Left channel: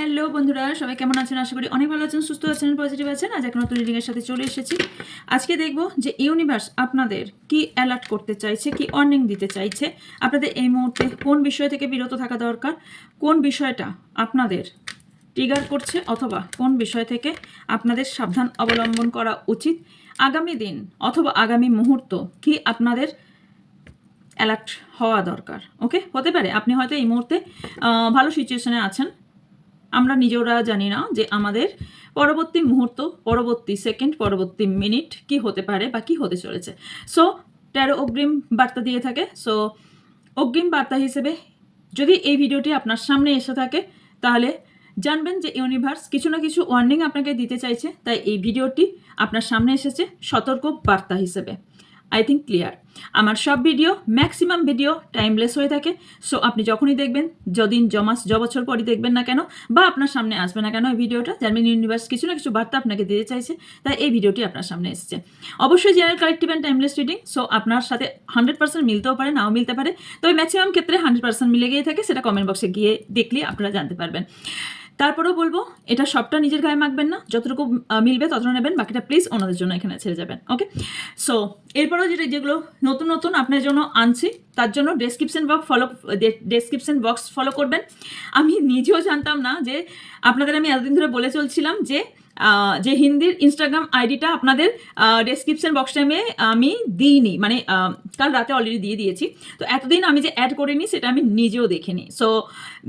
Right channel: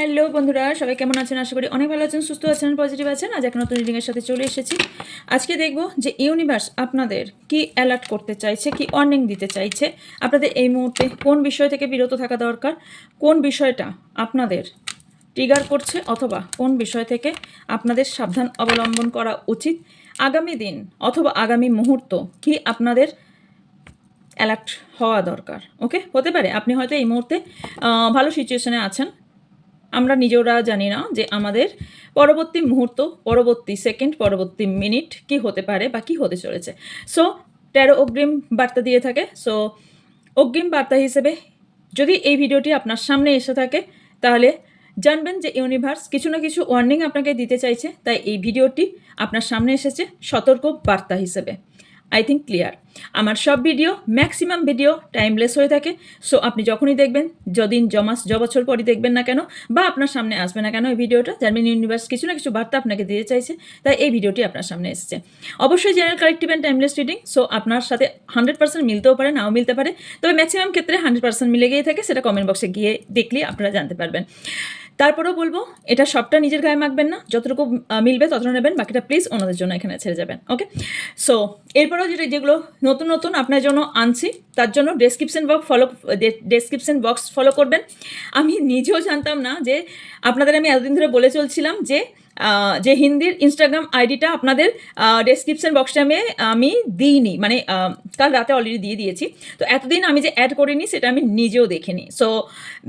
Hello বন্ধুরা, সবাই কেমন আছেন? আশা করি অনেক ভালো আছেন, সুস্থ আছেন, পজিটিভ আছেন। আজ একটা নতুন রিডিংয়ের সাথে চলে এসেছি। আজকে দেখব যে ইউনিভার্স আপনাদের কি অ্যালার্ট করতে চাইছে, কি ওয়ার্নিং দিতে চাইছে, আপনাদের এই মুহূর্তে কোন বিষয় থেকে বিরত থাকা দরকার, কোন বিষয়টা আপনাদের ট্রিগার করছে, অথবা কোন বিষয় থেকে আপনাদের সাবধান অবলম্বন করা উচিত। আগামী দিন অথবা আগামী মুহূর্ত কি আপনাদের অ্যালার্ট হওয়া দরকার। ওকে, হতে পারে আপনি হয়তো এই মুহূর্তে ভালো সিচুয়েশনে আছেন, আমরা নিজেরা জানি না যে আমাদের পরবর্তী মুহূর্ত, পরবর্তী সেকেন্ড, পরবর্তী মিনিট কি হতে পারে বা কি হতে চলেছে। সো ট্যারো অগ্রিম বার্তা দিয়ে থাকে। সো অগ্রিম বার্তা হিসেবে যদি এই ভিডিওটি আপনার সামনে এসে থাকে, তাহলে জানবেন যে ইউনিভার্স কিছু না কিছু ওয়ার্নিং আপনাকে দিতে চাইছে। তাই এই ভিডিওটি আপনার সামনে এসেছে সতর্ক বার্তা হিসেবে। I think clear. আমার সব ভিডিও, ম্যাক্সিমাম ভিডিও টাইমলেস হয়ে থাকে। সো আপনি যখনই দেখবেন, যদিন জমাস বছর পরই দেখবেন না কেন, বা আপনার সামনে আসবে না কেন এই ভিডিওটা, জানবেন ইউনিভার্স কিছু না কিছু বার্তা আপনাকে দিতে চাইছে। তাই এই ভিডিওটি আপনার সামনে এসেছে। অবশ্যই general, collective and timeless reading. So আপনার সাথে 100% মিলতেও পারে, নাও মিলতে পারে, তবে ম্যাক্সিমাম ক্ষেত্রে 100% মিলে গিয়ে থাকে। সেটা কমেন্ট বক্সে গিয়ে দেখলে আপনারা জানতে পারবেন। তারপরেও বলবো, এটা সবটা নিজের গায়ে মাখবেন না, যতটুকু মিলবে ততটা নেবেন, বাকিটা প্লিজ ওনাদের জন্য এখানে ছেড়ে যাবেন। ওকে, সো এরপরেও যেগুলো নতুন নতুন আপনার জন্য আনছি, তার জন্য ডেসক্রিপশন বক্স ফলো করবেন। আমি নিজেও জানতাম না যে আপনাদের আমি এতদিন ধরে বলে চলছিলাম যে হিন্দির ইনস্টাগ্রাম আইডিটা আপনাদের ডেসক্রিপশন বক্সটা আমি দিইনি, মানে কাল রাতে অলরেডি দিয়ে দিয়েছি। তো এতদিন আমি যে অ্যাড করিনি সেটা আমি নিজেও দেখিনি। সো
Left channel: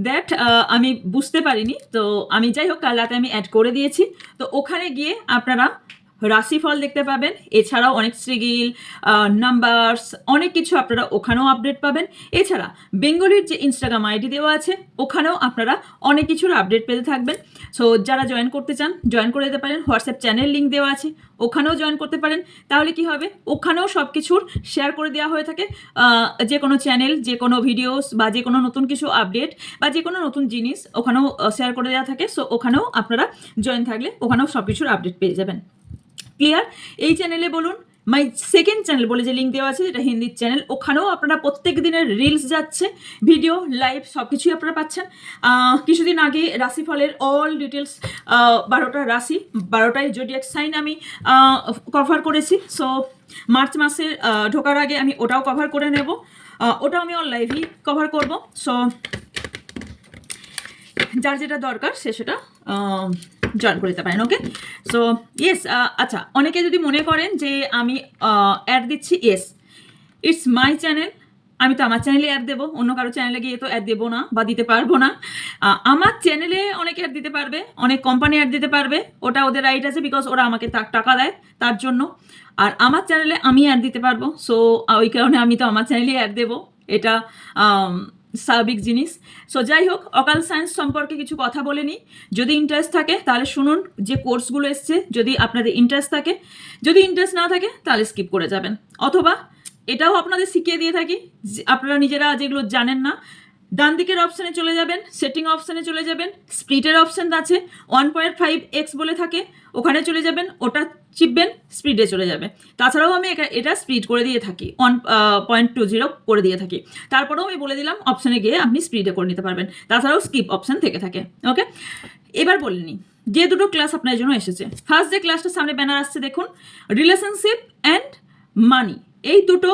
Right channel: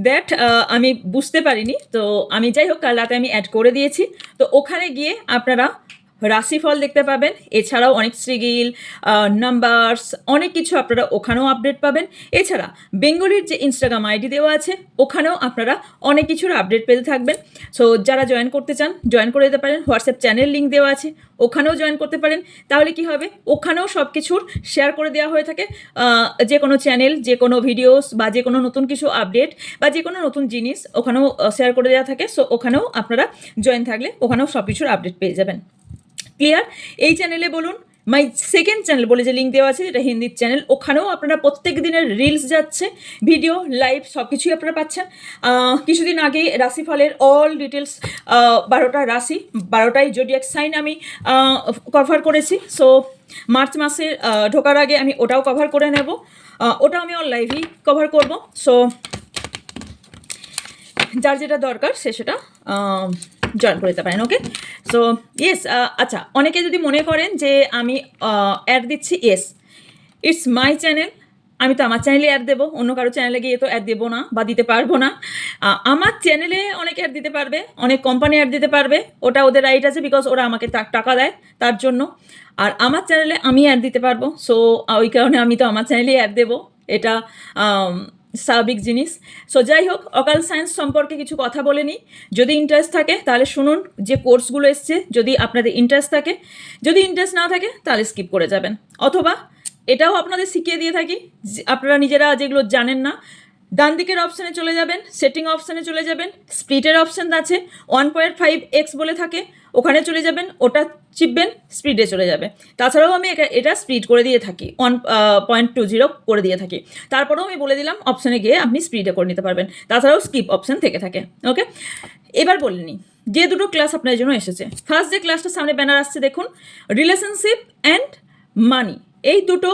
দ্যাট আমি বুঝতে পারিনি। তো আমি যাই হোক, কাল রাতে আমি অ্যাড করে দিয়েছি। তো ওখানে গিয়ে আপনারা রাশিফল দেখতে পাবেন, এছাড়াও অনেক সিগিল, নাম্বারস, অনেক কিছু আপনারা ওখানেও আপডেট পাবেন। এছাড়া বেঙ্গলির যে ইনস্টাগ্রাম আইডি দেওয়া আছে, ওখানেও আপনারা অনেক কিছুর আপডেট পেতে থাকবেন। সো যারা জয়েন করতে চান জয়েন করে দিতে পারেন। হোয়াটসঅ্যাপ চ্যানেল লিঙ্ক দেওয়া আছে, ওখানেও জয়েন করতে পারেন। তাহলে কি হবে, ওখানেও সব কিছুর শেয়ার করে দেওয়া হয়ে থাকে। যে কোনো চ্যানেল, যে কোনো ভিডিওস, বা যে কোনো নতুন কিছু আপডেট, বা যে কোনো নতুন জিনিস ওখানেও শেয়ার করে দেওয়া থাকে। সো ওখানেও আপনারা জয়েন থাকলে ওখানেও সব কিছুর আপডেট পেয়ে যাবেন। ক্লিয়ার? এই চ্যানেলে বলুন, মাই সেকেন্ড চ্যানেল বলে যে লিঙ্ক দেওয়া আছে, যেটা হিন্দির চ্যানেল, ওখানেও আপনারা প্রত্যেক দিনের রিলস যাচ্ছে, ভিডিও, লাইভ সব কিছুই আপনারা পাচ্ছেন। কিছুদিন আগে রাশিফলের অল ডিটেলস, 12টা রাশি, 12টাই জোডিয়াক সাইন আমি কভার করেছি। সো মার্চ মাসে ঢোকার আগে আমি ওটাও কভার করে নেব, ওটা আমি অল লাইভই কভার করব। সো যার যেটা দরকার সে সেটা জয়েন করে দিতে পারেন। ওকে, সো ইয়েস। আচ্ছা, অনেকে যদি মনে করেন যে আমি অ্যাড দিচ্ছি, ইয়েস, ইটস মাই চ্যানেল, আমি তো আমার চ্যানেলে অ্যাড দেবো, অন্য কারো চ্যানেলে গিয়ে তো অ্যাড দেবো না বা দিতে পারবো না। আমার চ্যানেলে অনেকে অ্যাড দিতে পারবে, অনেক কোম্পানি অ্যাড দিতে পারবে, ওটা ওদের রাইট আছে, বিকজ ওরা আমাকে টাকা দেয় তার জন্য। আর আমার চ্যানেলে আমি অ্যাড দিতে পারবো। সো ওই কারণে আমি তো আমার চ্যানেলেই অ্যাড দেবো, এটা স্বাভাবিক জিনিস। সো যাই হোক, অকাল সায়েন্স সম্পর্কে কিছু কথা বলে নিই। যদি ইন্টারেস্ট থাকে তাহলে শুনুন, যে কোর্সগুলো এসছে যদি আপনাদের ইন্টারেস্ট থাকে। যদি ইন্টারেস্ট না থাকে তাহলে স্কিপ করে যাবেন। অথবা এটাও আপনাদের শিখিয়ে দিয়ে থাকি, আপনারা নিজেরা যেগুলো জানেন না, ডান দিকের অপশানে চলে যাবেন, সেটিং অপশানে চলে যাবেন, স্প্লিটের অপশান আছে, 1.5x বলে থাকে, ওখানে চলে যাবেন, ওটা চিপবেন, স্পিডে চলে যাবে। তাছাড়াও আমি এটা স্পিড করে দিয়ে থাকি, 1.20 করে দিয়ে থাকি। তারপরেও আমি বলে দিলাম অপশানে গিয়ে আপনি স্পিডে করে নিতে পারবেন। তাছাড়াও স্কিপ অপশান থেকে থাকে। ওকে, এবার বলে নিই যে দুটো ক্লাস আপনার জন্য এসেছে। ফার্স্ট যে ক্লাসটা সামনে ব্যানার আসছে দেখুন, রিলেশনশিপ অ্যান্ড মানি। এই দুটো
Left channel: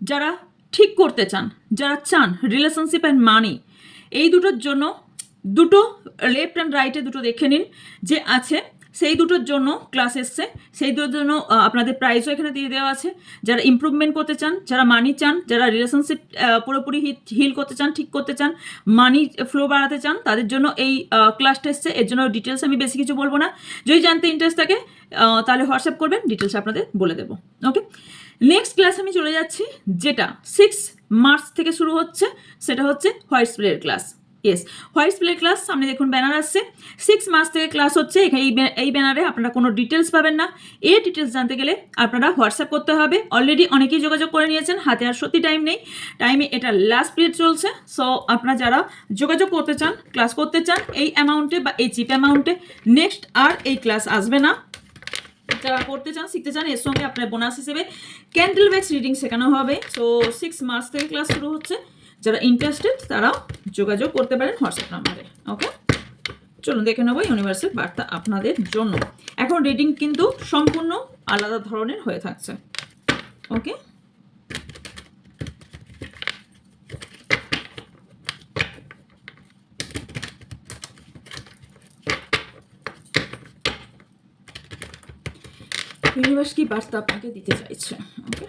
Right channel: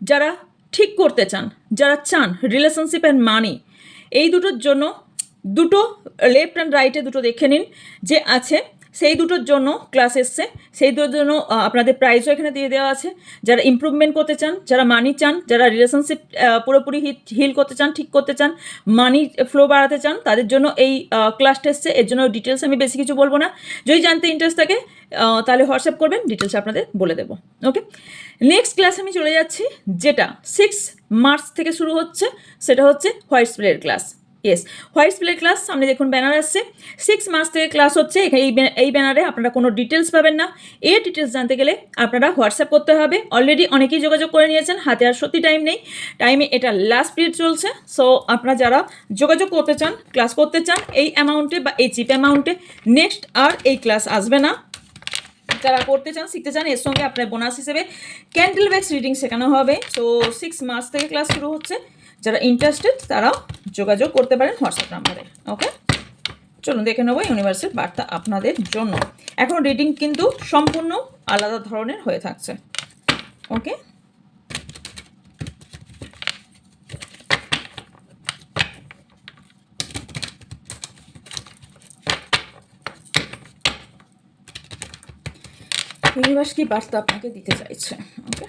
যারা ঠিক করতে চান, যারা চান রিলেশনশিপ অ্যান্ড মানি, এই দুটোর জন্য দুটো লেফট অ্যান্ড রাইটে দুটো দেখে নিন যে আছে, সেই দুটোর জন্য ক্লাস এসছে। সেই দুটোর জন্য আপনাদের প্রাইসও এখানে দিয়ে দেওয়া আছে। যারা ইমপ্রুভমেন্ট করতে চান, যারা মানি চান, যারা রিলেশনশিপ পুরোপুরি হিল করতে চান, ঠিক করতে চান, মানি ফ্লো বাড়াতে চান, তাদের জন্য এই ক্লাসটা এসছে। এর জন্য ডিটেলস আমি বেশি কিছু বলবো না, যদি জানতে ইন্টারেস্ট থাকে তাহলে হোয়াটসঅ্যাপ করবেন, ডিটেলস আপনাদের বলে দেবো। ওকে, নেক্সট ক্লাস আমি চলে যাচ্ছি, যেটা 6 মার্চ থেকে শুরু হচ্ছে, সেটা হচ্ছে হোয়াইট স্প্লের ক্লাস। ইয়েস, হোয়াইট স্প্লে ক্লাস সামনে দেখুন ব্যানার আসছে, 6 মার্চ থেকে ক্লাস হচ্ছে। এই ব্যানারে আপনারা কোনো ডিটেলস পাবেন না। এই ডিটেলস জানতে গেলে আপনারা হোয়াটসঅ্যাপ করতে হবে। অলরেডি অনেকেই যোগাযোগ করে নিয়েছেন, হাতে আর সত্যি টাইম নেই, টাইমে এটা লাস্ট পিরিয়ড চলছে। সো আপনারা যারা যোগাযোগ করতে চান, ক্লাস করতে চান এই অ্যামাউন্টে বা এই চিপ অ্যামাউন্টে, নেক্সট আর এই ক্লাস আসবে না। যারা করতে চান, শিখতে চান, এর সঙ্গে আপনার বোনাস হিসেবে ক্যান্ডেল ওয়্যাক্স রিডিং শেখানো হবে। সো 6 মার্চ থেকে ক্লাস শুরু হচ্ছে। যারা ইন্টারেস্টেড তারাও যোগাযোগ করতে পারেন হোয়াটসঅ্যাপ নাম্বারে। ওকে, চলুন দেখে নেবো ইউনিভার্সের বার্তা আপনাদের জন্য। এখন রিডিং কিন্তু সম্পূর্ণ আলাদা ধরনের হয়ে থাকছে। ওকে, ইউনিভার্স কি বার্তা আপনাকে দিতে চাইছে? Okay,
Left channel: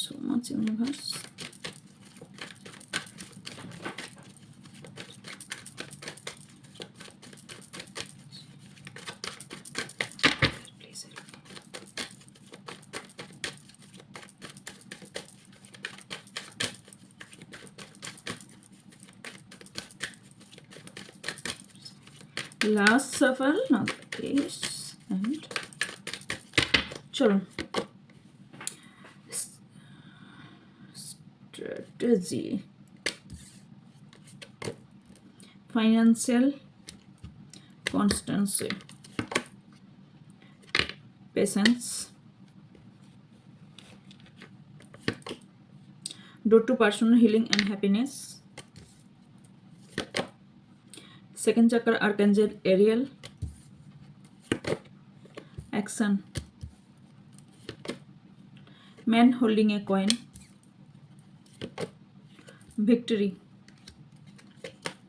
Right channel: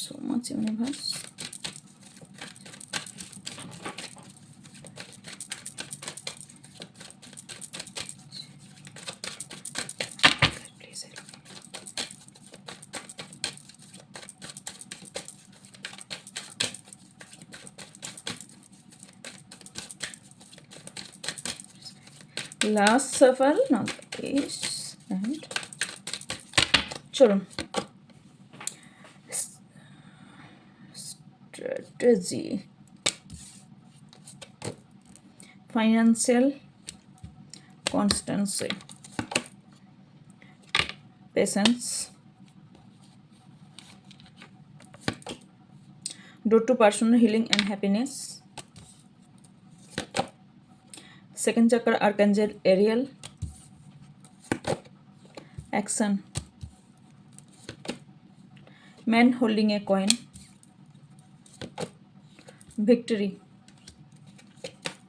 so much universe. Last shuffle, now the ace and চলুন strategy, financial constancy, patience, door to personal healing and happiness, second chakra archangel Ariel, action, man holding a coin, victory,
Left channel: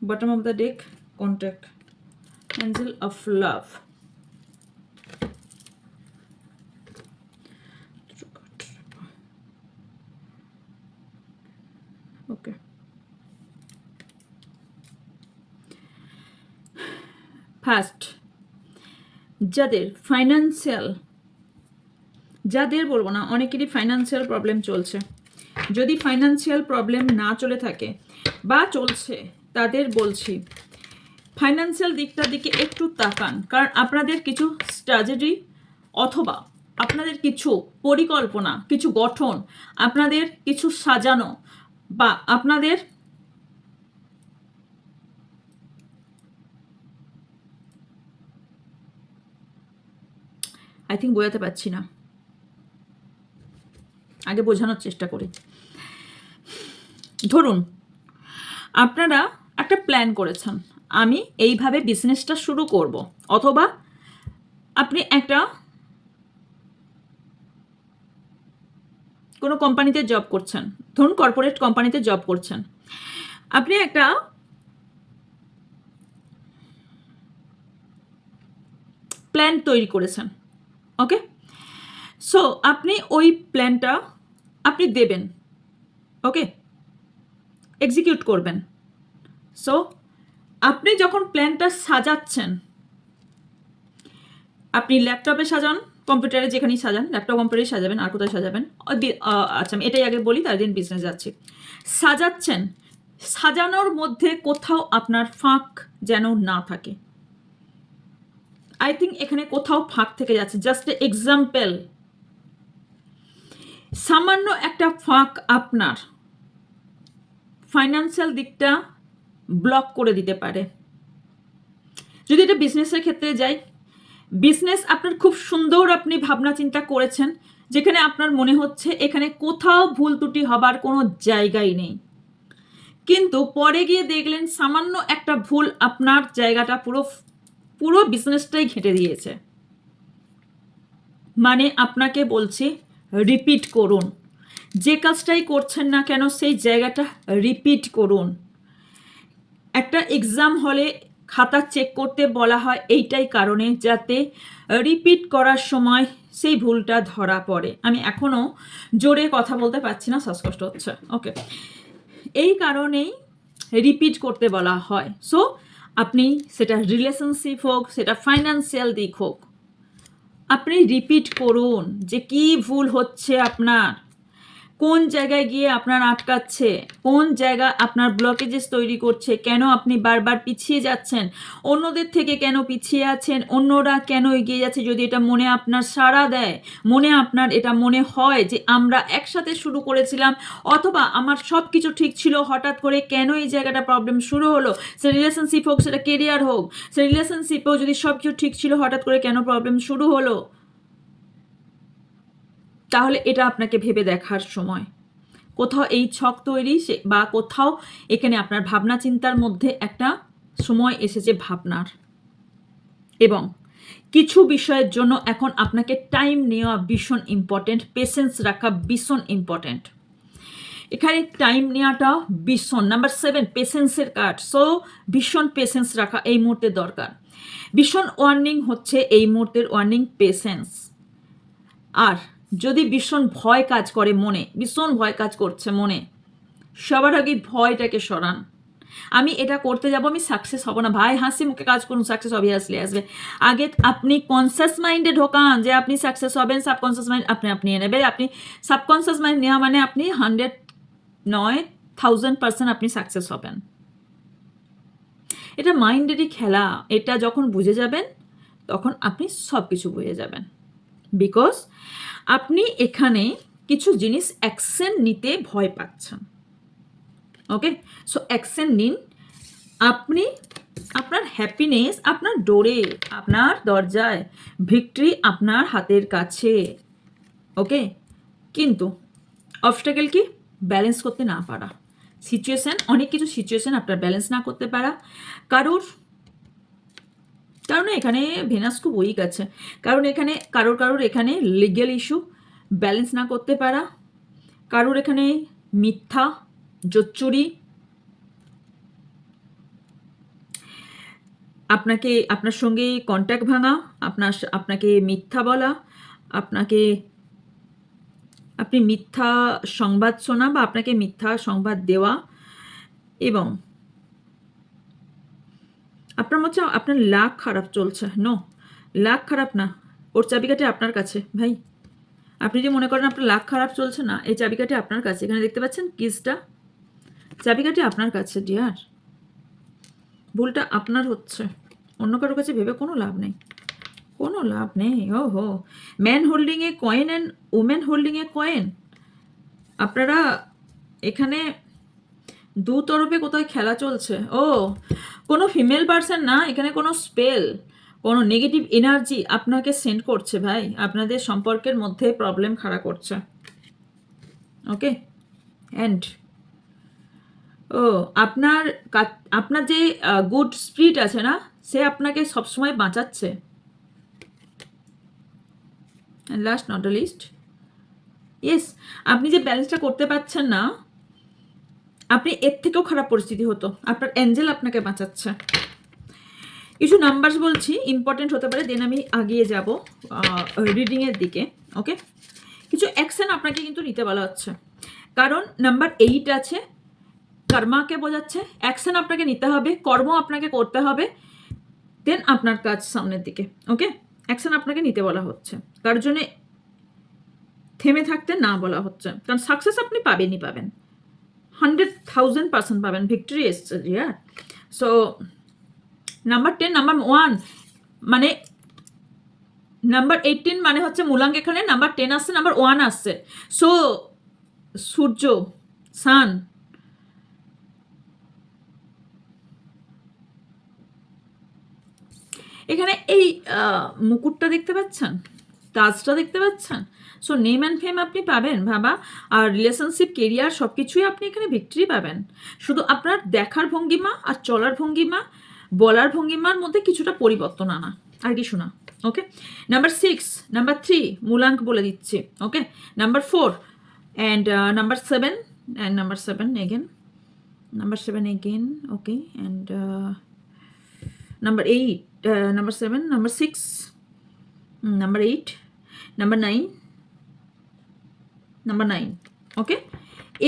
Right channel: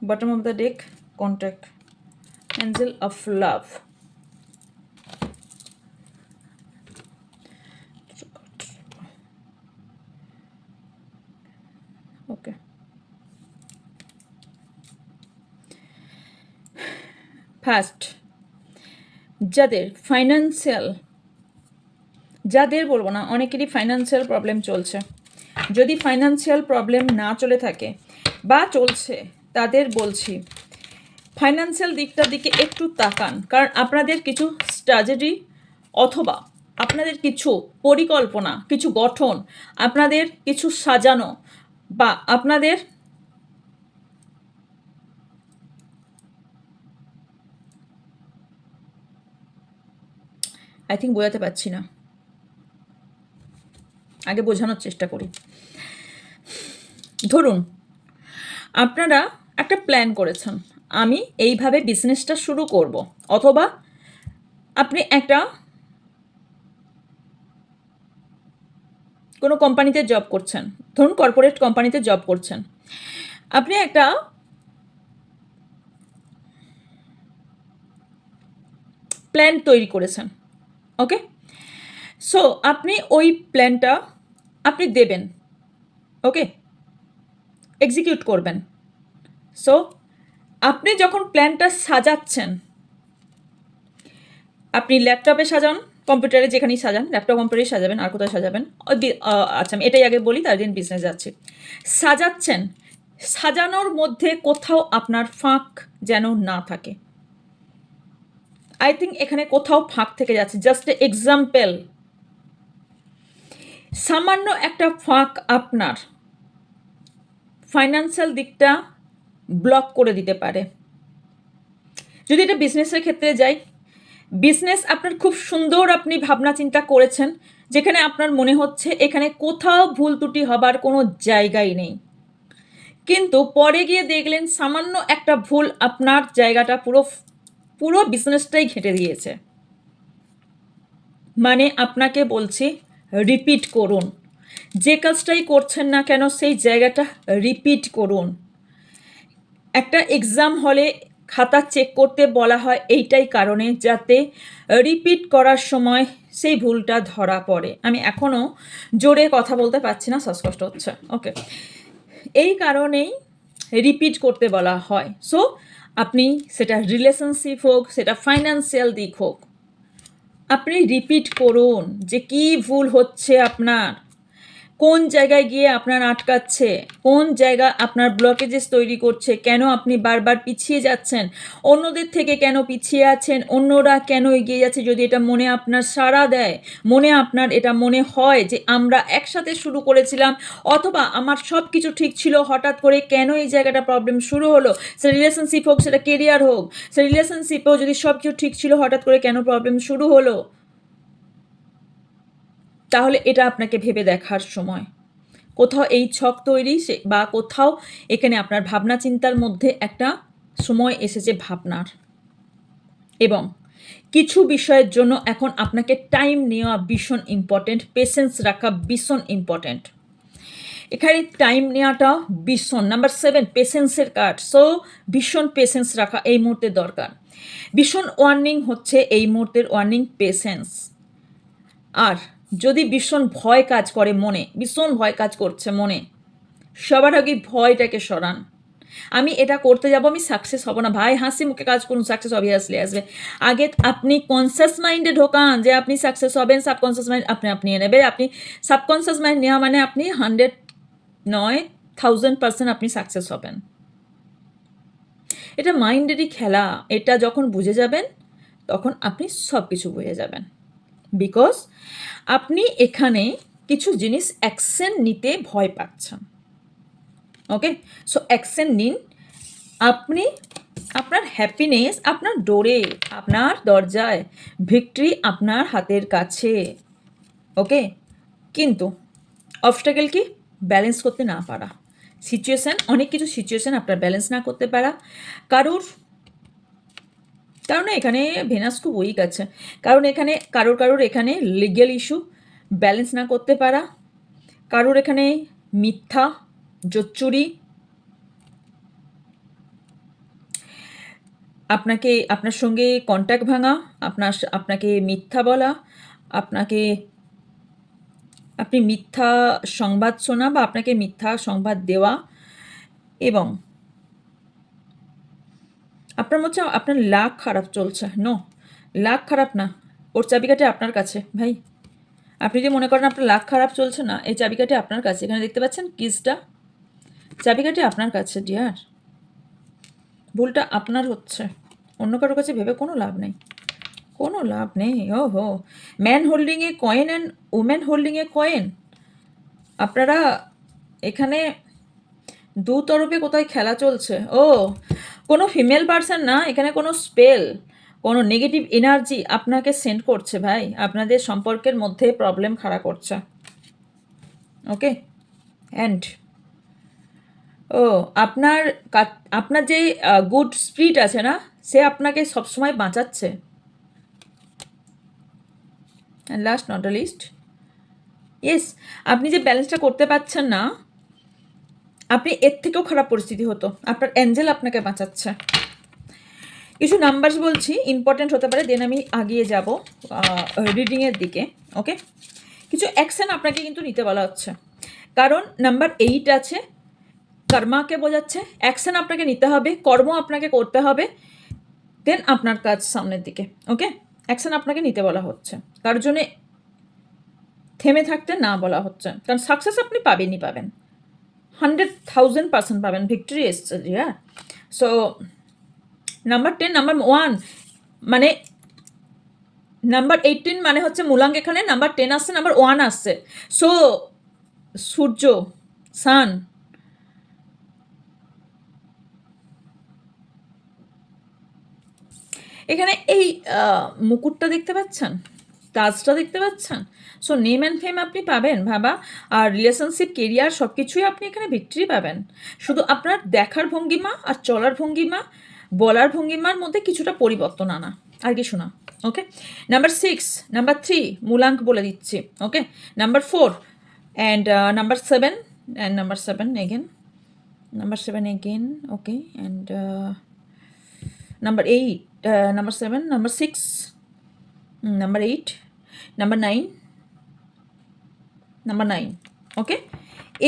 bottom of the deck, contact, angel of love. Okay, first যাদের বলবো না, অনেকেরই financial problem চলছে। যদি financial problem না চলে থাকে বা চলছে, তাদের বলছি ফাইন্যান্সিয়াল দিকটার দিকে একটু তাকান, কারণ আপনাদের কিছু স্ট্র্যাটেজি অথবা আপনাদের কিছু পরিকল্পনা, কিছু গঠন, আপনাদের কিছু সাজানো বা আপনাদের আই থিঙ্ক বোঝাতে পারছি না, আগে বোঝানোর চেষ্টা করি। ধরুন আপনারা একটা প্ল্যান করেছেন, আমি এইভাবে বিজনেসটা শুরু করব, অথবা আপনি একটা কোনো কোম্পানিতে জব করছেন, ধরুন কর্পোরেট কোম্পানিতে জব করছেন, আপনি একটা প্ল্যান তৈরি করেছেন। ওকে, সো আপনি ওই প্ল্যানটা আপনি দেবেন, ওকে, এক্সিকিউট করবেন। সো আপনি যখন প্ল্যানটা সাজাচ্ছেন, আপনি ল্যাপটপে সাজান, কম্পিউটারে যেখানেই সাজান, ল্যাপটপ কম্পিউটারে সাজাবেন, আর কোথায় সাজাবেন? আচ্ছা আমি এটাই আগে বলি, তার দিন বিজনেস যাচ্ছি। সাজাচ্ছেন, সাজানোর মধ্যে কোথাও আপনার ফাঁক যেন না থাকে। আই থিঙ্ক এখানে কোথাও ফাঁক থেকে যাচ্ছে। জাস্ট এক্সাম্পল, সামান্য একটা ফাঁক আপনার ফাইন্যান্সিয়াল দিকটা ব্লক করে দিতে পারে। যদি এটা বিজনেসের ক্ষেত্রে যাই, বিজনেস আপনার খুব সুন্দর, আপনি ভাবনা চিন্তা করেছেন, যেখানে আপনার মনে হচ্ছে এখানে কোথাও ভুল ত্রুটি হবার কোনো জায়গাই নেই, কিন্তু পরে গিয়ে দেখলেন সামান্য একটা ভুল আপনার জায়গাটা পুরো বিজনেসটাই ঘেঁটে দিয়েছে। মানে আপনাকে বলছি রিপিট করুন, যে কাজটাই করছেন না কেন সেই জায়গাটা রিপিট করুন। একটা এক্সাম হলে খাতা চেক করতে বলা হয় এইটাই কারণে, যাতে রিপিট করার সময় সেই ভুলটা ধরা পড়ে। আমি এখনও জোরে কথা বলতে পারছি না, শ্বাসকষ্ট হচ্ছে। ওকে, এই কারণেই রিপিট করতে বলা হয়। সো আপনি সেটা রিলেশনশিপ হোক, সেটা ফাইন্যান্সিয়াল দিক হোক, আপনি রিপিট করুন যে কি ভুল হচ্ছে আপনার, কোন জায়গায় গিয়ে আপনার আটকাচ্ছে, কোন জায়গা আপনার ব্লকেজেস তৈরি করছে, কেন আপনি বারবার পিছিয়ে যাচ্ছেন, অন্যদের থেকে কেন পিছিয়ে আছেন, অন্যরা কেন এগিয়ে যাচ্ছে। যদি এটা মনে আপনার সাড়া দেয়, মনে আপনার এটা মনে হয় যে আমরা একসাথে শুরু করেছিলাম, অথবা আমার সব কিছু ঠিক ছিল, হঠাৎ করে কেন এই জায়গাটা প্রবলেম শুরু হলো, সে রিলেশনশিপ হোক, সেটা কেরিয়ার হোক, সে রিলেশনশিপেও যদি সব কিছু ঠিক ছিল, হঠাৎ করে কেন প্রবলেম শুরু হলো, তাহলে এটা আপনাকে ভেবে দেখার সময়। কোথাও এই ছক তৈরি বা কোথাও এখানে আপনার ভাবনা চিন্তার মধ্যে একটা সময় এসেছে ভাবনার, এবং কিছু বিষয়ের জন্য এখন আপনাকে টাইম নেওয়া ভীষণ ইম্পর্টেন্ট, পেশেন্স রাখা ভীষণ ইম্পর্টেন্ট। এখানে টাইম নেওয়াটা ভীষণ, নাম্বার 7 পেশেন্সের কার্ড। সো ভীষণ পেশেন্স রাখা এই মুহূর্তে দরকার। ভীষণ ওয়ার্নিং হচ্ছে এই মুহূর্তের ওয়ার্নিং, পেশেন্স। আর যদি ভীষণ ভয় কাজ করে মনে, ভীষণ ভয় কাজ করছে মনে, সবার আগে ভয়টাকে সরান। আমি এটা করতে যাব, আমি সাকসেস হব না, ভাই হাসি মুখে কাজ করুন, সাকসেস অবভিয়াসলি আসবে। আগে আপনি কনসিয়াস মাইন্ডে ঢোকান যে আপনি সাকসেস হবেন, সাবকনসিয়াস মাইন্ড আপনি নেবে। আপনি সাবকনসিয়াস মাইন্ড নেওয়া মানে আপনি 100 নয় 1000% আপনি সাকসেস হবেন। এটা মাইন্ডেরই খেলা। এটা যখন বুঝে যাবেন তখন আপনি সব কিছু বুঝে যাবেন, বিকজ আপনি এখানে কিছু জিনিস অ্যাকশন নিতে ভয় পাচ্ছেন। ওকে, সো অ্যাকশন নিন। আপনি আপনার হ্যাপিনেস আপনার ডোরে, আপনার দরজায়, ভিক্টরি আপনার হাতের কাছে। ওকে, কিন্তু অবস্টাকেল কি? ব্যালেন্স করতে না পারা, সিচুয়েশান, অনেক কিছু সিচুয়েশান আপনার ব্যালেন্স না করতে পারা। কারণ এখানে ভেনাস খুব উইক আছে, কারণ এখানে কারোর এখানে লিগ্যাল ইস্যু, ব্যালেন্স না করতে পারা, কারোর এখানে মিথ্যা, জোচ্চুরি, আপনার সঙ্গে কন্ট্যাক্ট ভাঙা, আপনাকে মিথ্যা বলা, আপনি মিথ্যা সংবাদ শোনা বা আপনাকে মিথ্যা সংবাদ দেওয়া, এবং আপনার মধ্যে আপনার লাক খারাপ চলছে। নো, লাক খারাপ না, ওর চাবিকাঠি আপনার কাছে ভাই। আপনি যে মনে করেন আপনার লাক খারাপ চলছে না, এই চাবিকাঠি আপনার কাছে। এখানে দেখতে পাচ্ছেন কিসটা, চাবিকাঠি আপনার কাছে ডিয়ার। ভুলটা আপনার হচ্ছে, অন্য কারোর কাছে ভেবে কোনো লাভ নেই, কোনো লাভ নেই। ও হো, man holding A coin and women holding A coin. আপনারা এখানে দু তরফে কোথায় খেলা চলছে। ও, কোনো ফিমেল পার্সন না, এখানে কোনো স্পেল, কোনো নেগেটিভ এনার্জি আপনাকে সেন্ড করছে ভাই, আপনাদের সম্পর্কের মধ্যে প্রবলেম খাড়া করছে। ওকে, অ্যান্ড ও আপনার যে গুড স্পিরিট আছে না, সে আপনাকে সবসময় বাঁচাচ্ছে। And last not the least, yes, আপনি যে ব্যালেন্সটা করতে পারছেন না, আপনি এর থেকেও খারাপ পরিস্থিতি হতো, আপনার অ্যাঞ্জেল আপনাকে বাঁচাচ্ছে। কিছু নাম্বারস বলছি, ইম্পর্টেন্ট হতে পারে, দেন আমি আগিয়ে যাব রিডিংয়ের দিকে। ওকে, কিছু অ্যাকশন আপনাকে কিন্তু নিতে বলা হচ্ছে, কারণ নাম্বার 8 আছে, কর্মাকে বোঝাচ্ছে। অ্যাকশন আপনাকে নিতে হবে, কর্ম আপনাকে করতে হবে, দেন আপনার কাজ সামনের দিকে। ওকে, অ্যাকশন আপনাকে নিতে বলা হচ্ছে, কার জন্যে থেমে থাকতে না বলা হচ্ছে, কারণ সাকসেস আপনি পাবেনই পাবেন, 100,000% পাবেন, ভিক্টরি এসছে। হ্যাঁ, সো নাম্বার 10, নাম্বার 1 মানে নাম্বার 18 মানে হচ্ছে মূলাঙ্ক, এখানে নাম্বার 10 আসছে, নাম্বার 1 আসছে। সো সূর্য, সান, এখানে এই মুকুটটা দেখতে পাচ্ছেন, তাজটা দেখতে পাচ্ছেন। সো নেম অ্যান্ড ফেম আপনি পাবেন বাবা, আর রিলেশনশিপ, কেরিয়ার সব কিছুই আপনি এখানে ভিক্টরি পাবেন। শুধু আপনার দেখার ভঙ্গিমা আর চলার ভঙ্গিমা, বলার ভঙ্গিমার মধ্যে কিছুটা পরিবর্তন আনা, আর কিছু না। ওকে, নাম্বার 6, নাম্বার 3 মূলাঙ্ক বলে দিচ্ছি। Okay, number 4 and number 7 and number 7 again, number 7 again. Okay, and number 8, number 7, number 6, number 8, number 9, number 9. Okay,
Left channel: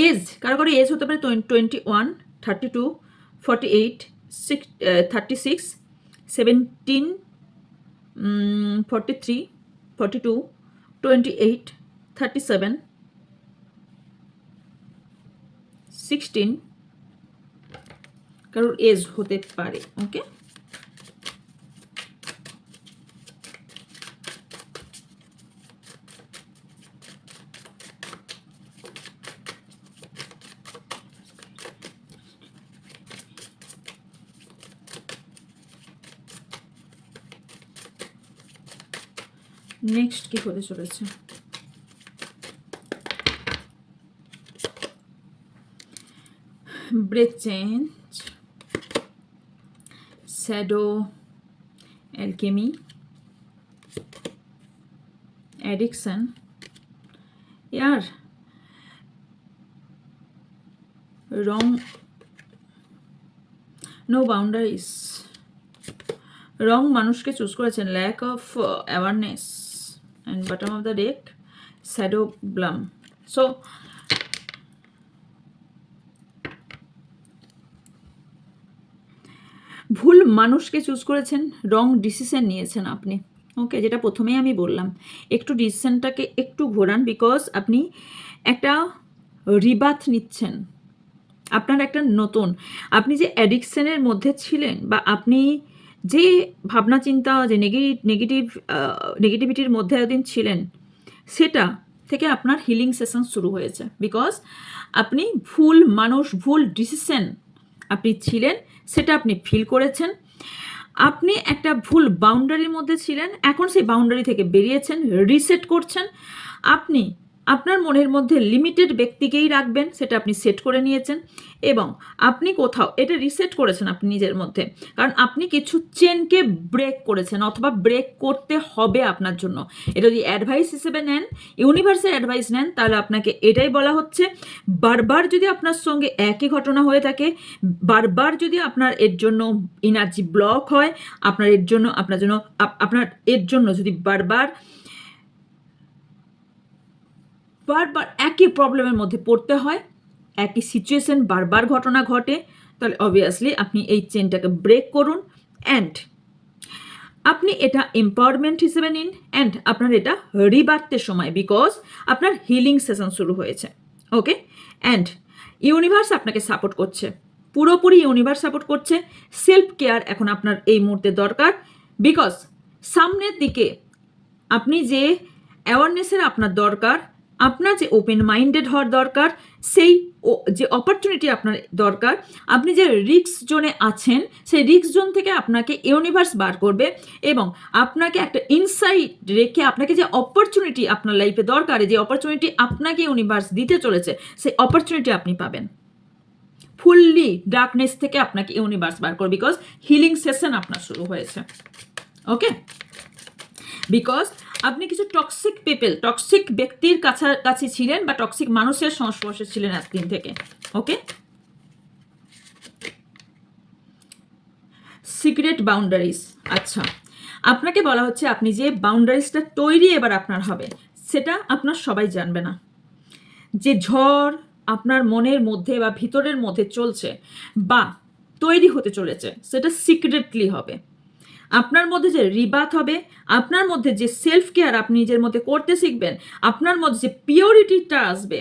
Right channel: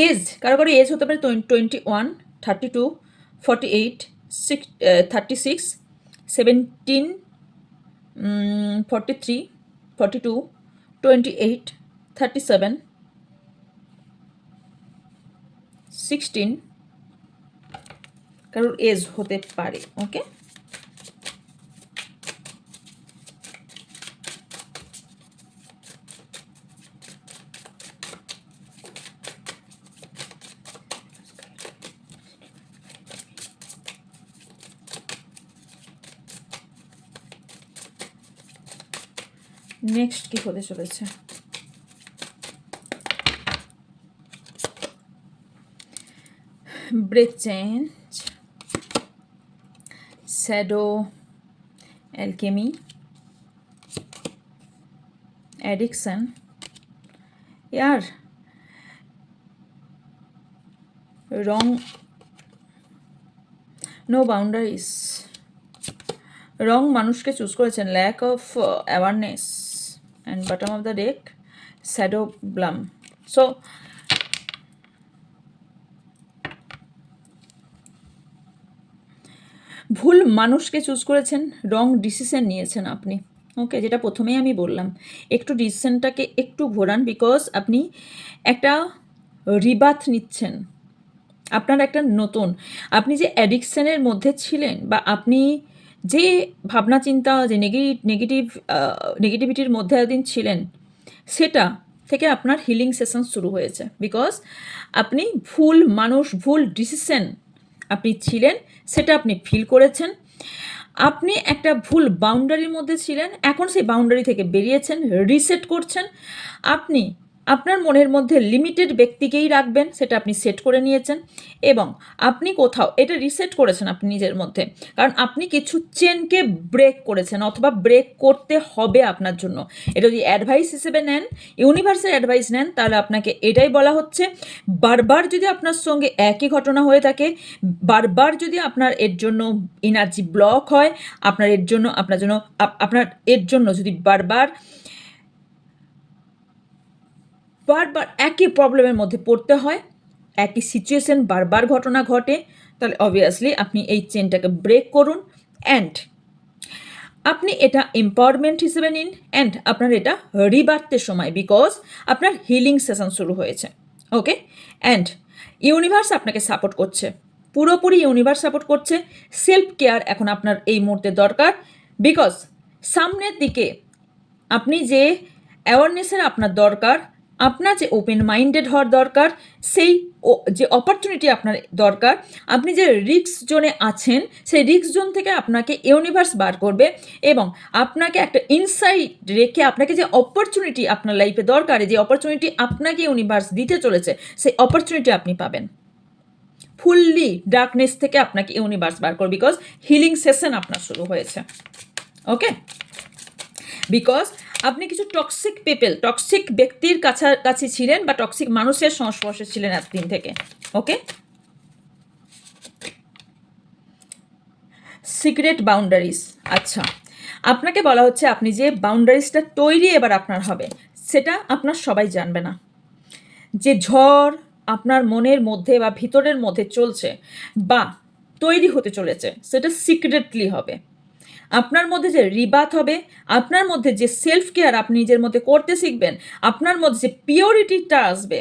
age, কারো এজ হতে পারে 21, 32, 48, 36, 17, 43, 42, 28, 37, 16, কারোর এজ হতে পারে। ওকে, নেক্সট কি হতে চলেছে? Breath change, shadow alchemy, addiction, year wrong, no boundaries, wrong মানুষকে চুজ করেছেন, lack of awareness, and bottom of the deck shadow bloom. So ভুল মানুষকে চুজ করেছেন, রং ডিসিশন নিয়েছেন আপনি। ওকে, যেটা প্রথমেই আমি বললাম, একটু ডিসিশনটাকে একটু ঘোরান, বিকজ আপনি একটা রিবাথ নিচ্ছেন, আপনার একটা নতুন, আপনি যে অ্যাডিকশনের মধ্যে ছিলেন বা আপনি যে ভাবনা চিন্তা, যে নেগেটিভিটির মধ্যে এতদিন ছিলেন, সেটা থেকে আপনার হিলিং সেশন শুরু হয়েছে। বিকজ আপনি ভুল মানুষ, ভুল ডিসিশন আপনি ছিলেন, সেটা আপনি ফিল করেছেন। আপনি একটা ভুল বাউন্ডারির মধ্যে ছিলেন, এখন সেই বাউন্ডারি থেকে বেরিয়েছেন, রিসেট করছেন। আপনি আপনার মনের মধ্যে লিমিটেড ব্যক্তিকেই রাখবেন, সেটা আপনি সেট করে নিয়েছেন, এবং আপনি কোথাও এটা রিসেট করেছেন আপনি নিজের মধ্যে, কারণ আপনি কিছু চেনকে ব্রেক করেছেন, অথবা ব্রেক করতে হবে আপনার জন্য। এটা যদি অ্যাডভাইস হিসেবে নেন, ইউনিভার্সের অ্যাডভাইস নেন, তাহলে আপনাকে এটাই বলা হচ্ছে, বারবার যদি আপনার সঙ্গে একই ঘটনা হয়ে থাকে, বারবার যদি আপনার এর জন্য এনার্জি ব্লক হয়, আপনার এর জন্য যদি বারবার একই প্রবলেমের মধ্যে পড়তে হয়, একই সিচুয়েশন বারবার ঘটনা ঘটে, তাহলে অবভিয়াসলি আপনি এই চেনটাকে ব্রেক করুন, অ্যান্ড আপনি এটা এম্পাওয়ারমেন্ট হিসেবে নিন, অ্যান্ড আপনার এটা রিবার্থের সময়, বিকজ আপনার হিলিং সেশন শুরু হয়েছে। ওকে, অ্যান্ড ইউনিভার্স আপনাকে সাপোর্ট করছে, পুরোপুরি ইউনিভার্স সাপোর্ট করছে। সেলফ কেয়ার এখন আপনার এই মুহূর্তে দরকার, বিকজ সামনের দিকে আপনি যে অ্যাওয়ারনেসের আপনার দরকার, আপনার যে ওপেন মাইন্ডেড হওয়ার দরকার, সেই যে অপরচুনিটি আপনার দরকার, আপনি যে রিস্ক জোনে আছেন, সেই রিস্ক জোন থেকে আপনাকে ইউনিভার্স বার করবে, এবং আপনাকে একটা ইনসাইট রেখে আপনাকে যে অপরচুনিটি আপনার লাইফে দরকার, যে অপরচুনিটি আপনাকে ইউনিভার্স দিতে চলেছে, সেই অপরচুনিটি আপনি পাবেন। ফুললি ডার্কনেস থেকে আপনাকে ইউনিভার্স বার করবে, বিকজ হিলিং সেশন আপনার শুরু হয়েছে। ওকে, বিকজ আপনি কিছু টক্সিক ব্যক্তির কাছাকাছি ছিলেন, বা টক্সিক মানুষের সংস্পর্শে ছিলেন এতদিন থেকে। ওকে, সিক্রেট বাউন্ডারিজ। আচ্ছা, আপনাকে বলা হচ্ছে আপনি যে বাউন্ডারিজটা তৈরি এবার আপনার হবে, সেটা আপনার সবাই জানবে না। যে ঝড় আপনার মনের মধ্যে বা ভিতরের মধ্যে চলছে বা তৈরি হতে চলেছে, সেটা সিক্রেটলি হবে। আপনার মধ্যে যে রিবাথ হবে, আপনার মধ্যে যে সেলফ কেয়ার আপনি নিজের মধ্যে করতে শিখবেন, আপনার মধ্যে যে পিওরিটিটা আসবে,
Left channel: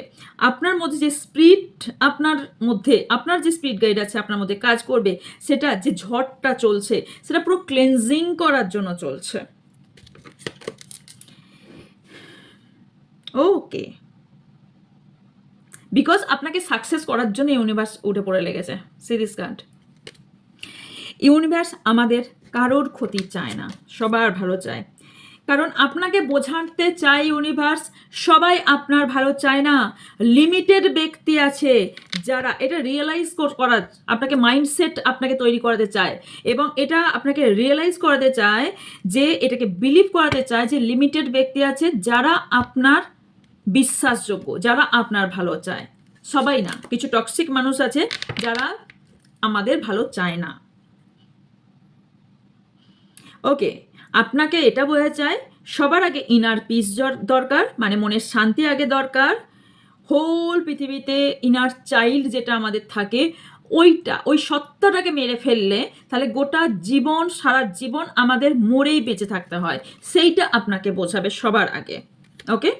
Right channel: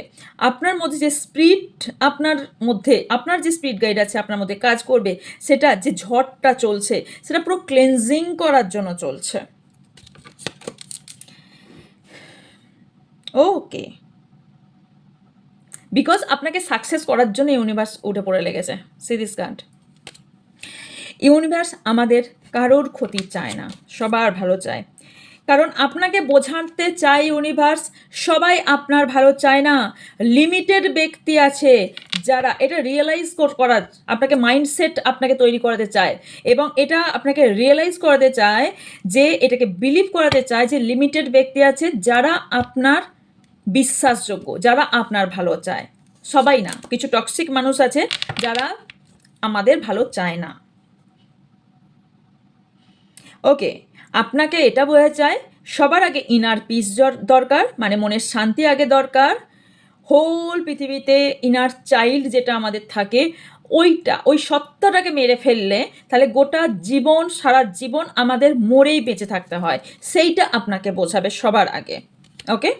আপনার মধ্যে যে স্পিরিট, আপনার যে স্পিরিট গাইড আছে আপনার মধ্যে কাজ করবে, সেটা যে ঝড়টা চলছে, সেটা পুরো ক্লেনজিং করার জন্য চলছে। ওকে, বিকজ আপনাকে সাকসেস করার জন্য ইউনিভার্স উঠে পড়ে লেগেছে। সিরিজ কার্ড, ইউনিভার্স আমাদের কারোর ক্ষতি চায় না, সবার ভালো চায়, কারণ আপনাকে বোঝাতে চায় ইউনিভার্স, সবাই আপনার ভালো চায় না। লিমিটেড ব্যক্তি আছে যারা এটা রিয়েলাইজ করার, আপনাকে মাইন্ডসেট আপনাকে তৈরি করাতে চায়, এবং এটা আপনাকে রিয়েলাইজ করাতে চায়, যে এটাকে বিলিভ করাতে চায় যে লিমিটেড ব্যক্তি আছে যারা আপনার বিশ্বাসযোগ্য, যারা আপনার ভালো চায়। সবাই না, কিছু টক্সিক মানুষ আছে যারা আমাদের ভালো চায় না। ওকে, আপনাকে এটা বোঝা চায়, সবার আগে ইনার পিস দরকার, মানে মনের শান্তি আগে দরকার। হোল পৃথিবীতে ইনার চাইল্ড যেটা আমাদের থাকে, ওই সত্তাটাকে মেরে ফেললে তাহলে গোটা জীবন, সারা জীবন আমাদের মরেই বেঁচে থাকতে হয়, সেইটা আপনাকে বোঝাবে সবার আগে। ওকে,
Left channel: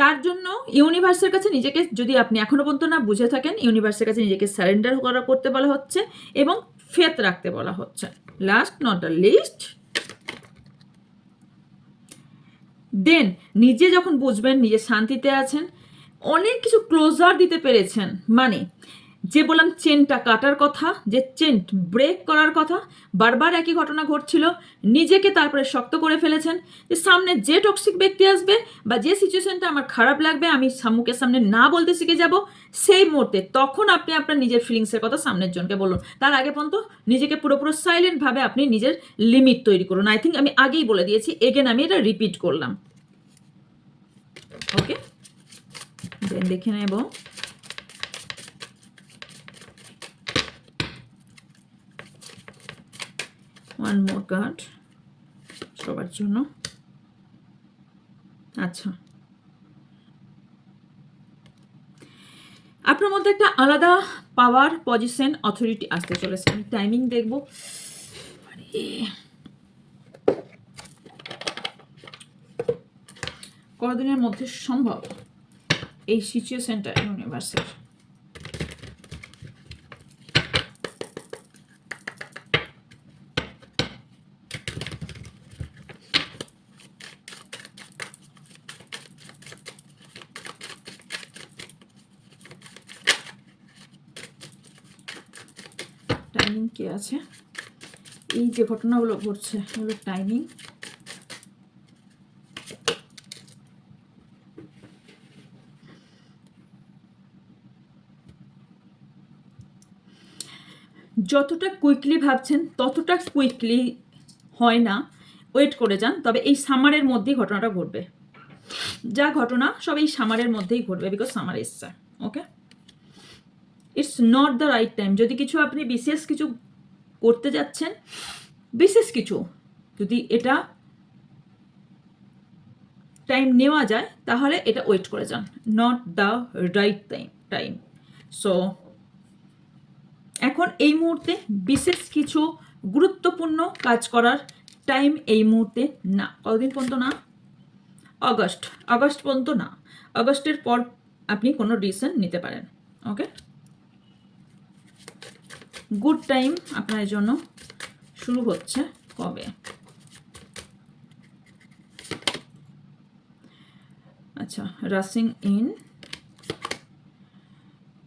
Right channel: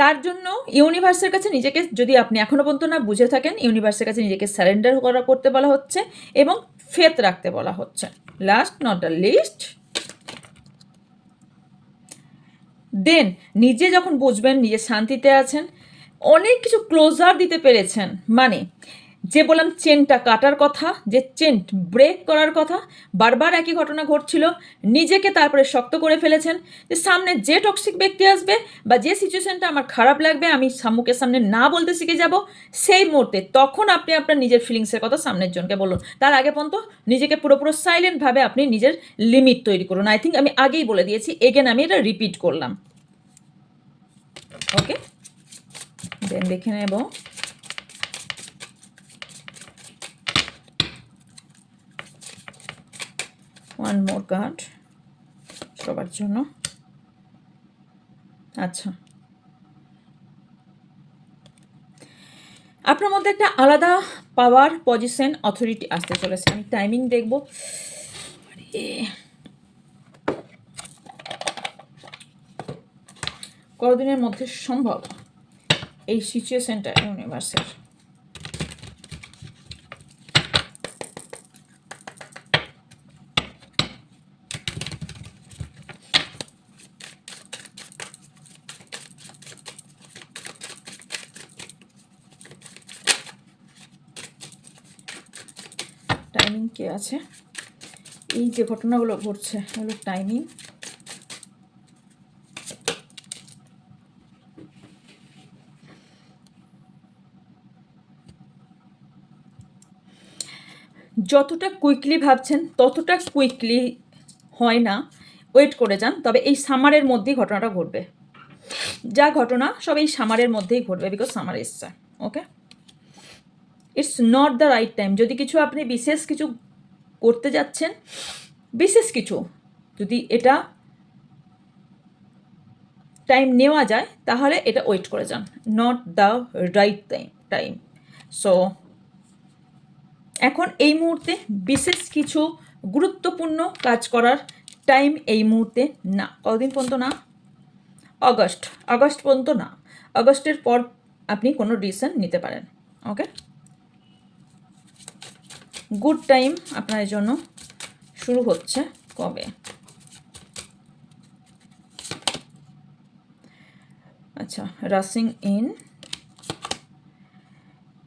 তার জন্য ইউনিভার্সের কাছে নিজেকে, যদি আপনি এখনো পর্যন্ত না বুঝে থাকেন, ইউনিভার্সের কাছে নিজেকে সারেন্ডার করতে বলা হচ্ছে, এবং ফেথ রাখতে বলা হচ্ছে। লাস্ট নট দ্য লিস্ট, দেন নিজে যখন বুঝবেন নিজে শান্তিতে আছেন, অনেক কিছু ক্লোজার দিতে পেরেছেন, মানে যে বললাম চেনটা কাটার কথা, যে চেন ব্রেক করার কথা, বারবার একই ঘটনা ঘটছিল, নিজেকে তারপরে শক্ত করে ফেলেছেন যে সামনে যে টক্সিক ব্যক্তি আসবে বা যে সিচুয়েশনটা আমার খারাপ লাগবে আমি মুখের সামনে না বলতে শিখে যাব, সেই মুহূর্তে তখন আপনি আপনার নিজের ফিলিংসের কথা সামনের জনকে বলুন। তার আগে পর্যন্ত নিজেকে পুরোপুরো সাইলেন্টভাবে আপনি নিজের লিমিট তৈরি করুন। আই থিঙ্ক আমি আগেই বলে দিয়েছি, এগেন আমি এটা রিপিট করলাম। ওকে, দেন দেখে নেব ওয়ান মোর কার্ড সবার জন্য। আচ্ছা, আপনার মধ্যে একটা আলাদা পাওয়ার, পজিশন, অথরিটি আসতে চলেছে। আমি টাইমিং দেখব, কতদিনের মধ্যে সম্ভব এই সিচুয়েশনটা ইউনিভার্সের। টাইমিং কে আছে? এই যে ঘটনাগুলো ঘটছে এগুলো টাইমিং। যতটা কুইকলি ভাবছেন ততটা কুইকলি হয় না, ওয়েট করে যান। তবে এই সামারের মধ্যেই ঘটনাটা ঘটবে, যা ঘটনা সব এই সামারের মধ্যেই ঘটবে, বিকজ সামার এসছে। Okay, it's not the right time. যদি কিছু আপনি বিশেষ কিছু করতে যাচ্ছেন, বিশেষ কিছু যদি এটা টাইম নেওয়া যায় তাহলে এটা ওয়েট করে যান, not the right time. So এখন এই মুহূর্তে বিশেষ কিছু গুরুত্বপূর্ণ কাজ করার টাইম এই মুহূর্তে না। কতদিন পর্যন্ত না? আগস্ট পর্যন্ত না। আগস্টের পর আপনি কোনো ডিসিশন নিতে পারেন। ওকে, গুড টাইম আপনার জন্য শুরু হচ্ছে কবে? আচ্ছা, rushing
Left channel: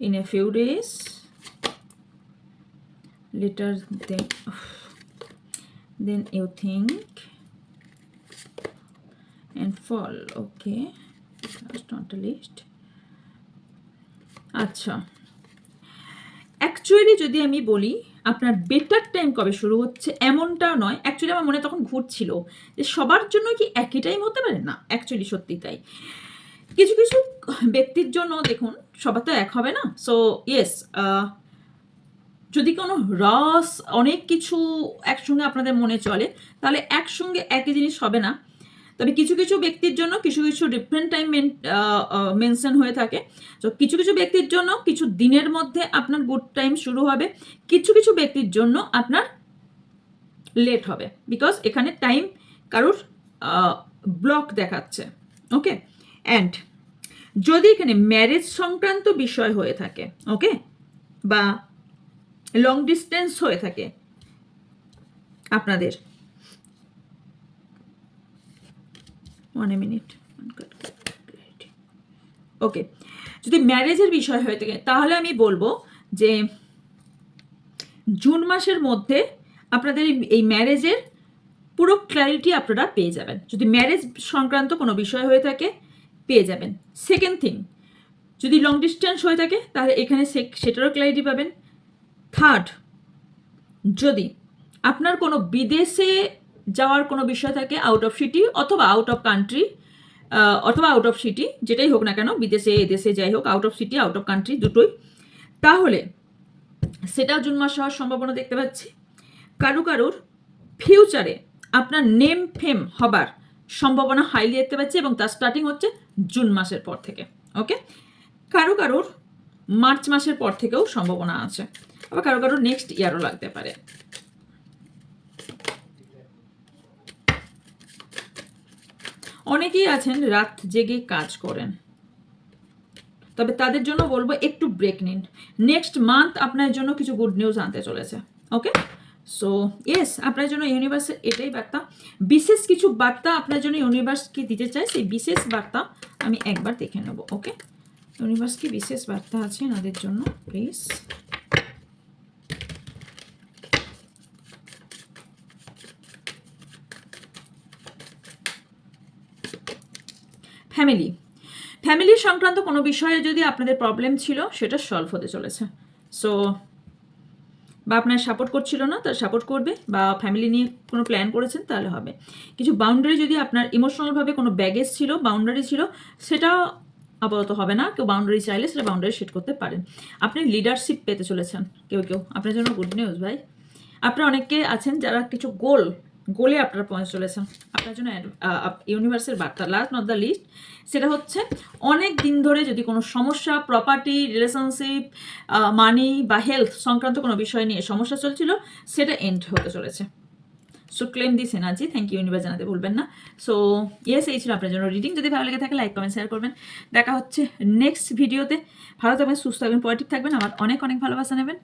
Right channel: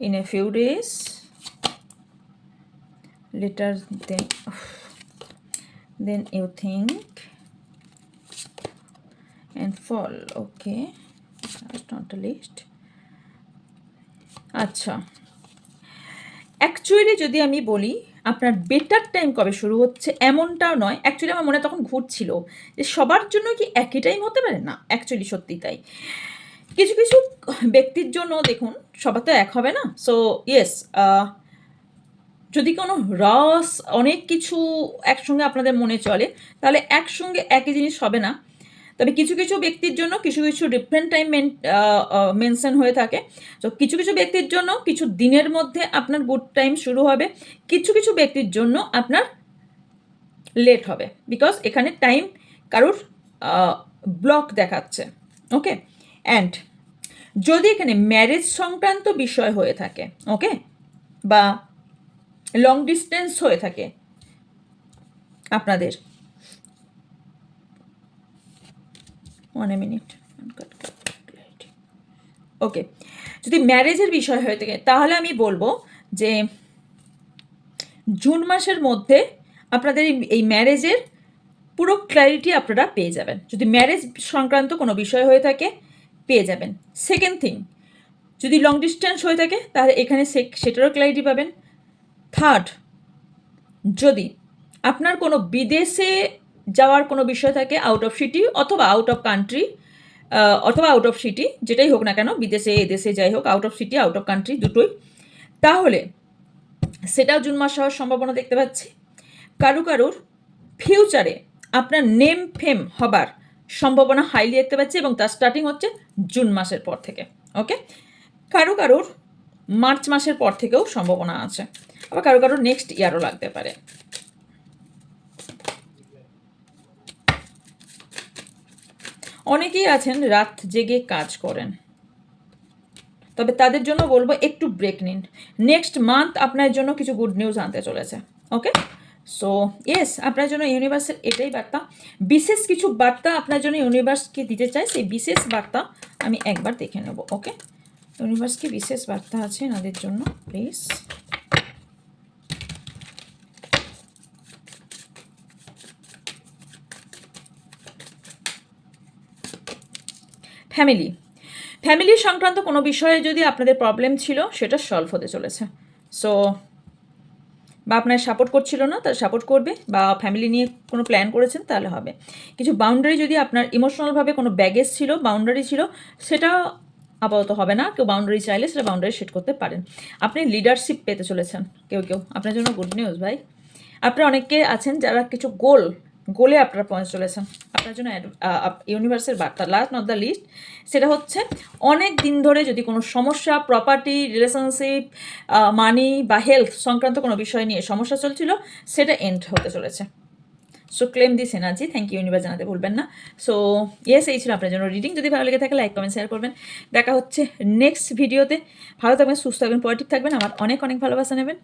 in a few days later then you think and fall. Okay, last not the least. আচ্ছা, অ্যাকচুয়ালি যদি আমি বলি আপনার বেটার টাইম কবে শুরু হচ্ছে এমনটাও নয়। অ্যাকচুয়ালি আমার মনে তখন ঘুরছিল যে সবার জন্য কি একই টাইম হতে পারে না, অ্যাকচুয়ালি সত্যি তাই। কিছু কিছু ব্যক্তির জন্য দেখুন সবার তো এক হবে না। সো ইয়েস, যদি কোনো রস অনেক কিছু একসঙ্গে আপনাদের মনে চলে তাহলে একসঙ্গে একই জিনিস হবে না। তবে কিছু কিছু ব্যক্তির জন্য কিছু কিছু ডিফারেন্ট টাইম মেনশন হয়ে থাকে। তো কিছু কিছু ব্যক্তির জন্য কিছু দিনের মধ্যে আপনার গুড টাইম শুরু হবে, কিছু কিছু ব্যক্তির জন্য আপনার লেট হবে, বিকজ এখানে টাইম কারুর ব্লক দেখাচ্ছে। ওকে, অ্যান্ড যদি এখানে ম্যারেজ সংক্রান্ত বিষয় হয়ে থাকে, ওকে, বা লং ডিস্টেন্স হয়ে থাকে আপনাদের, 1 মিনিট, ওকে, যদি ম্যারেজের বিষয় হয়ে থাকে তাহলে আমি বলবো যে জুন মাসের মধ্যে আপনাদের এই ম্যারেজের পুরো ক্ল্যারিটি আপনারা পেয়ে যাবেন। যদি ম্যারেজ সংক্রান্ত কোনো বিষয় হয়ে থাকে পেয়ে যাবেন। সেকেন্ড থিং, যদি লং ডিস্টেন্স হয়ে থাকে তাহলে এখানে সেটারও ক্ল্যারিটি পাবেন। থার্ড, যদি আপনার কোনো বিদেশে যাওয়ার কোনো বিষয় থাকে, আউট অফ সিটি অথবা আউট অফ কান্ট্রি অথবা আউট অফ সিটি, যেটাই হোক না কেন, বিদেশে এদেশে যাই হোক, out of city out of country দুটোই, তাহলে সেটাও জুন মাস হওয়ার সম্ভাবনা দেখতে পাচ্ছি। কারুর ফিউচারে আপনার নেম ফেম হবার সম্ভাবনা হাইলি দেখতে পাচ্ছি এবং তার স্টার্টিং হচ্ছে জুন মাসের পর থেকে। ওকে, কারুর মার্চ মাসের পর থেকেও সম্ভাবনা আছে, আবার কারুর নেক্সট ইয়ারও লাগতে পারে। অনেকেই আছেন রাত জেগে কাজ করেন, তবে তাদের জন্য বলবো একটু ব্রেক নিন। নেক্সট মান্থ আপনার জন্য কিছু গুড নিউজ আনতে চলেছে। ওকে, সো ইয়েস, আপনার জন্য ইউনিভার্সের এটাই বার্তা। বিশেষ কিছু বার্তা আপনার জন্য ইউনিভার্সকে দিতে চাই, সেই বিশেষ বার্তা আমি একবার দেখে নেব। ওকে, ইউনিভার্স কি বিশেষ বার্তা আছে এনাদের জন্য প্লিজ। ফ্যামিলি সংক্রান্ত কোনো বিষয়ে যদি আপনাদের প্রবলেম ছিল সেটা সলভ হতে চলেছে। সো বা আপনার সাপোর্ট করছিল না, তারা সাপোর্ট করবে, বা ফ্যামিলি নিয়ে কোনো প্ল্যান করেছেন তাহলে হবে। কিছু বাউন্ডারি যদি আপনার ইমোশনালভাবে কোনো ব্যাগেজ ছিল, বাউন্ডারি ছিল, সেটা আপাতত হবে না। কেউ বাউন্ডারি চাইলে সেটা বাউন্ডারি সেট করতে পারেন। আপনি লিডারশিপ পেতে চলেছেন কেউ আপনার জন্য গুড নিউজ ভাই। আপনারা অনেকে আছেন যারা কিছু গোলে আপনারা পৌঁছে চলেছেন। আপনার জন্য ইউনিভার্সের বার্তা, লাস্ট নট দ্য লিস্ট, সেটা হচ্ছে অনেক দিন ধরে যদি কোনো সমস্যা, প্রপার্টি, রিলেশনশিপ, মানি বা হেলথ সংক্রান্ত কোনো বিষয় নিয়ে সমস্যা চলছিল, সেটা এন্ড হতে চলেছে। So claim this energy. Thank you universe জানাতে ভুলবেন না। সো ইয়েস, এই ছিল আপনার জন্য রিডিং। যদি ভালো লেগে থাকে লাইক, কমেন্ট, শেয়ার করবেন। দেখা হচ্ছে নেক্সট ভিডিওতে। ভালো থাকবেন, সুস্থ থাকবেন, পজিটিভ থাকবেন। আমার অনেক ভালোবাসা নেবেন।